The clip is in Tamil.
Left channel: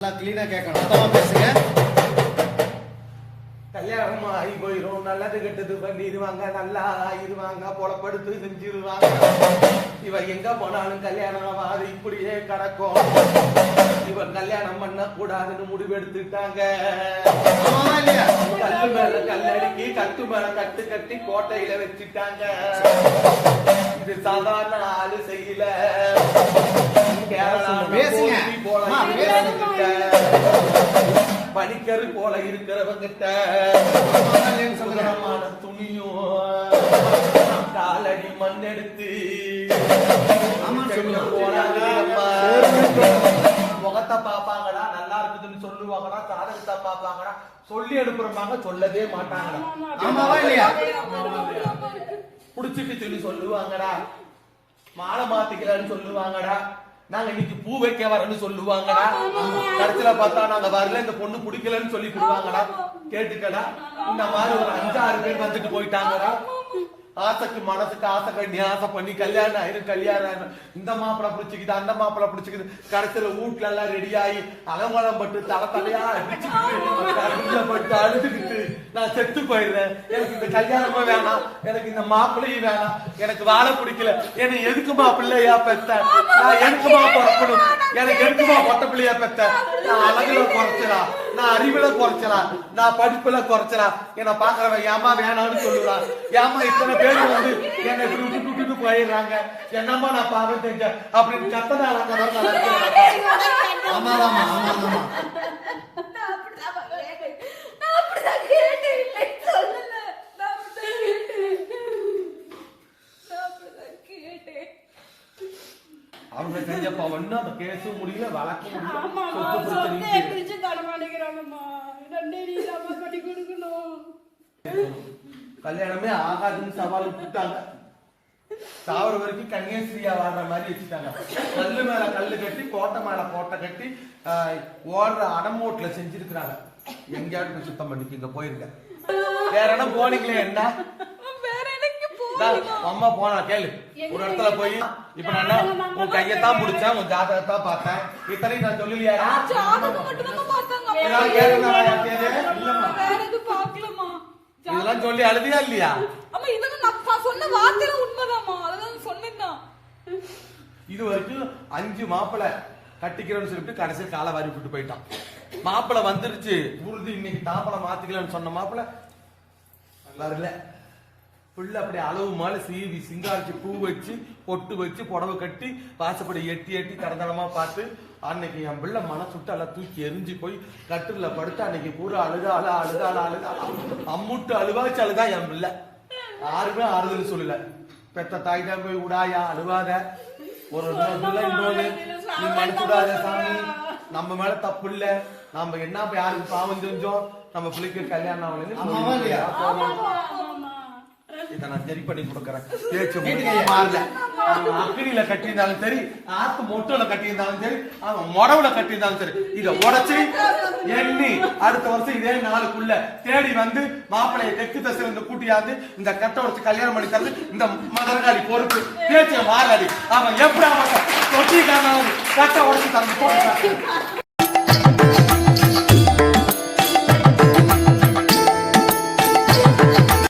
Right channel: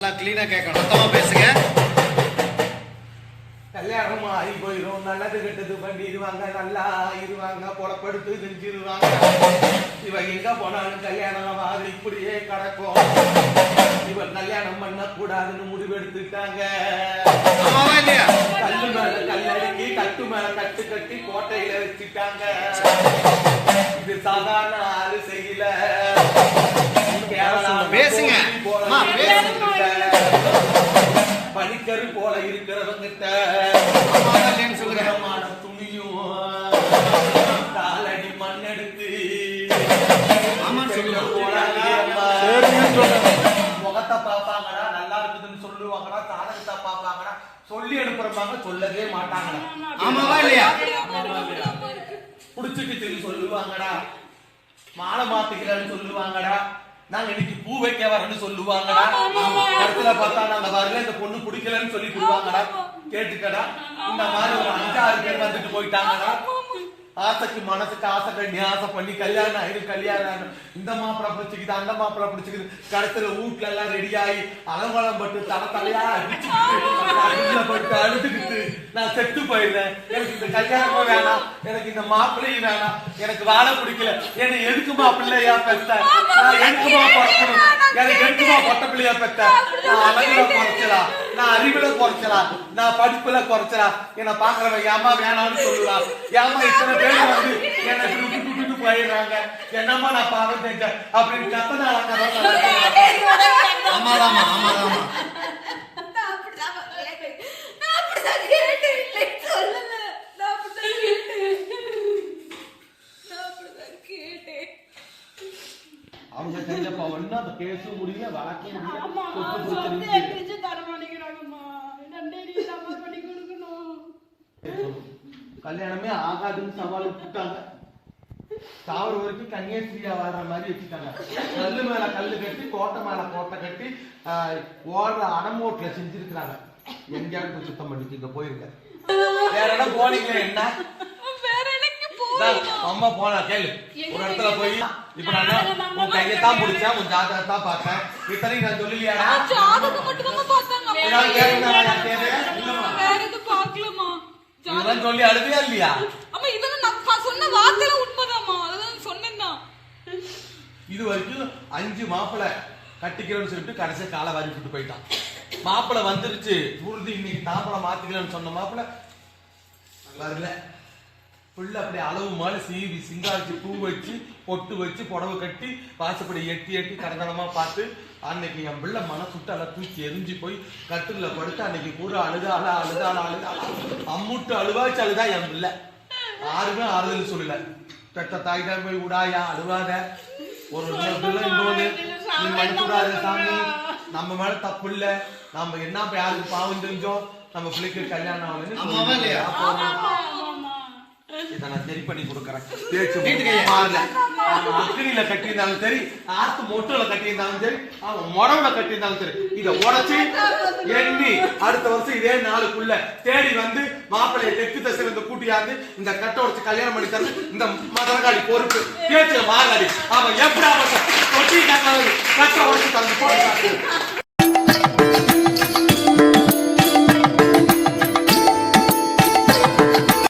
நல்லா கிளீனா கேட்கணும். மொத்தமா பேசுங்க. கல்யாணம் ஆகி போயிரும். நல்லது கெட்டது பண்ணிடுவாங்க. நல்லா இருவாங்க புலப்படுத்து செஞ்சிருவாங்க. இவ எங்க போனாலும் கல்யாணம் ஆகி இப்படியே கிடக்கும். இவன் கல்யாணம் பண்ண கூடாதுன்னு முடிவெடுத்துட்டாங்க கல்லு மேல கல்லடிக்கி கட்டு மேல கட்டு கட்டி கோட்டையில வச்சுட்டாங்க. இது சாதாரண ஆளு செய்யல. பேசுங்க. கோபி போல அம்மா, இருக்கிறவங்கிட்ட, பனிக்கரு போல இருக்கிறவங்கிட்ட. சுகரமான துணியும் காலடி மண்ணெடுத்து. முகத்தை பாப்பாங்கடா நல்லா இருக்குதுன்னு சொல்லுவாங்கடா சாதகத்தை பாப்பாங்கடா சொல்லி அனுப்புறமாங்க சொல்லவே மாட்டாங்கடா. ஆமாவா இல்லையா? புடிச்சுட்டு சொல்லி சொல்லுவாங்கடா. மாலை மாத்திக்கிறேன்னு சொல்லுவாங்கடா. நாங்க இன்னைக்கு பூ வைக்க வரேன்னு சொல்லுவாங்கடா. கருத்துல பார்த்தா நாங்க வரல இந்த பொண்ணு பிடிக்கலன்னு சொல்லி விடுவாங்கடா கேட்டுக்கடா. இந்த மாதிரி ஒரு அஞ்சாறு பேர் வந்துட்டு போயிட்டாங்கடா. ஆசைக்கு மனசுக்கு ஆசை கண்ணி ஆசை பண்ணி கல்யாணம் ஆயிரும் கல்யாணம் ஆயிரும் இந்த மாப்பிளை பிடிச்சிக்குது அந்த மாப்பிளை பிடிச்சிக்குது. கடைசியில வீட்டுல எல்லாம் ரெடி ஆகி அலங்கோலம் பட்டு தலை தலையா அடிச்சுக்கிட்டு பட்டு அழுதுகிட்டு நான் செத்து போயிடுறேன். எனக்கு இந்த கல்யாணமும் வேணாம். எனக்கு இந்த மாப்பிள்ளையும் வேணாம். எனக்கு வாழ பிடிக்கல. என்ன எதுக்குமா பிள்ளையா பெத்த? நான் எதுக்குமா பிறக்கணும்? எனக்கு எதுக்குமா பொட்ட பிள்ளையா பெத்த? நான் அழகுல பிறக்கலாம் நான் அறிவுல குறைச்சலா நான் படிப்புல குறைச்சலா. என்னை பாக்குறவங்க ஏமா வேணாம்னு சொல்லுவா ஏமா இத்தனை பேர் வந்து என்னை இப்படி விட்டு விட்டுட்டு போயிடுறாங்க. என்னம்மா நான் பாவம் தேங்க அப்படின்னு கத்தனை கேட்டேன். நான் அப்படிதான் கேட்டேன். அவங்க செஞ்சப்ப ஒன்னும் அந்த கேஸும் முடியல வழக்கும் முடியல. சொத்து பிரச்சனையும் கல்யாணமே ஆகாதுன்னு சவால் விட்டுட்டாங்க சாவர வரைக்கும் கன்னியாஸ்திரியா வாழ்ற மாதிரி வச்சுட்டாங்க. கல்லு மேல கல்லு கட்டி கோட்டை மேல கோட்டை கட்டி ஓடுற அடமோட்ல செஞ்சிருக்கிறாங்க. எங்கேயாவது போய் சுத்தம் பண்ணிட்டு போயிருங்க. வேற இடம் போனீங்க என்ன? அம்மா போனா கேளு. ஒரு இடத்துல போய் இப்ப நான் உன் கையத்தான் பிடிச்சேன் உன் ஜாதகத்தான் பார்த்தேன். இத்தனையும் நான் சொல்லலையாடா இதெல்லாம் சொல்லி அழுதியா இல்லையா அம்மா, இதெல்லாம் நான் சொன்ன வார்த்தையில உண்மைதாம்மா. அதுதான் சொன்னேன் நான். இது வரைக்கும் அஞ்சு மாப்பிளை கட்டிக்கிறேன்னு சொல்லிட்டு கடைசியா காலை வாரி விட்டு போயிட்டான் மாப்பிளை வந்துருச்சு உறுதி இன்னைக்கு தாப்பளை மாத்திக்கலன்னு சொன்ன மாப்பிளை வரல புள்ள அப்படி அளவு மாதிரி சீவி சிங்காரிச்சு பூ வச்சு பொட்டு வச்சு புடவை கட்டி வாசப்படி எட்டி எட்டி கடந்தனமா பார்த்து அன்னைக்கு என் பிள்ளை மனசுட்டு எல்லாம் தூக்கி எரிஞ்சு போய் கட்டில படுத்து அன்னைக்கு பூரா அழுதாளா அழுதாளா அழுதாளா அம்முட்டு அழுவாச்சு அழுதா என் பிள்ளை. யாருமே ஆறுதல் சொல்லல. பெத்த தாய் தான் போய் விடாயா அழுவாத. ஒரு பிள்ளை இன்னொரு நீ சாமி. நம்ம மேல தப்பு இல்ல. நம்ம என்ன யாருக்கு பாவம் தெரிஞ்சோம் நம்ம பிள்ளைக்கு கல்யாணம்? ஆகலைன்னு இதை நான் சரி பண்ணி கொடுக்குறேன். பேச்சு. மாறல. கட்டியிருந்தாலும் சரி ஆத்து மொட்டுல கட்டியிருந்தாலும் சரி அவன் முடவுல கட்டியிருந்தாலும் சரி இதை உடைச்சு எண்ணி அடுத்த வருஷம் இதே நாளுக்குள்ள தேடி வந்து மாப்பிளைய தெற்கு தசிலிருந்து கூட்டியாந்து இந்த கட்டை உடைச்சு கல்யாணம் பண்ணி தந்து இந்த மதரகாளி பொறுப்பு. பேச்சுல மாறாடி அவன் எப்படி அவன் தொட்டி கட்டை உடைச்சு தந்து போட்டு